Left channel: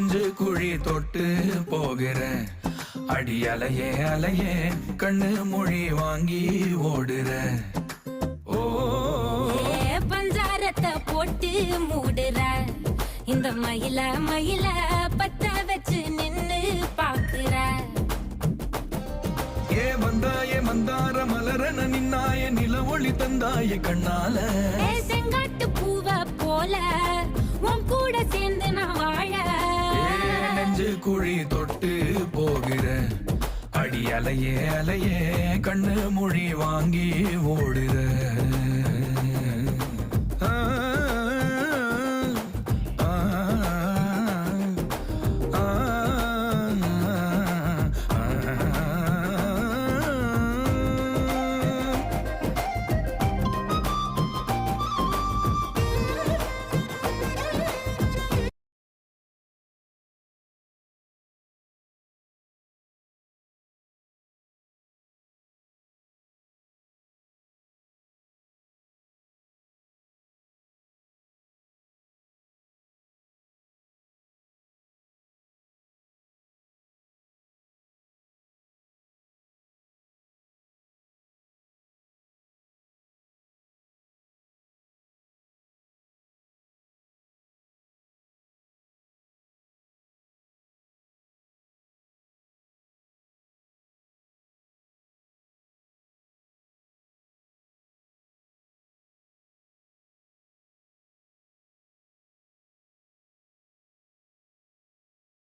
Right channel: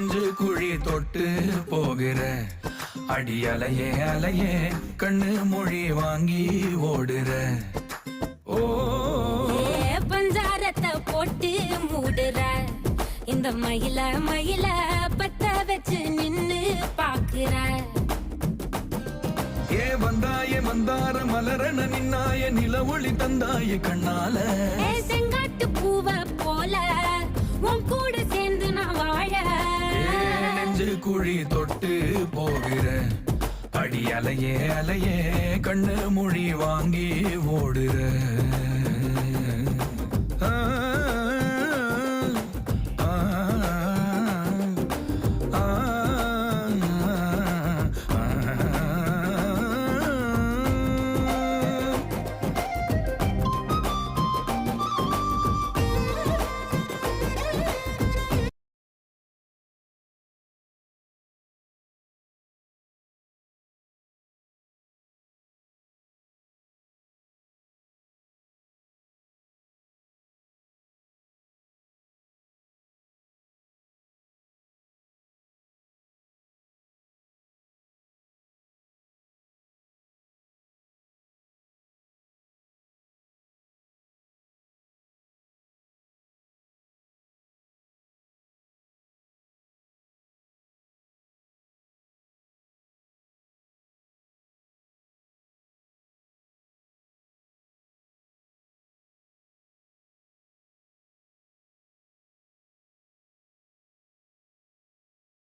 நெஞ்சு குழி தொட்டு போகிற அடி அலையே அலையே கண்ணு மொழி வாங்கி ஓடுற. ஓ பஞ்சாரத்தை போட்டு மூடுற இந்த மயில மயில பத்த வச்சு நின்னு பாக்குற. ஏ வந்தாயே மந்தார மலரன நின்னாய நில ஒளி தந்தாய கண்ணால. செங்காட்டு பூவ போல உன் கூட சேர்ந்து நான் வாழ. நெஞ்சு குழி தொட்டு போகிற அடி அலையே அலையே கண்ணு மொழி வாங்கி ஓடுற.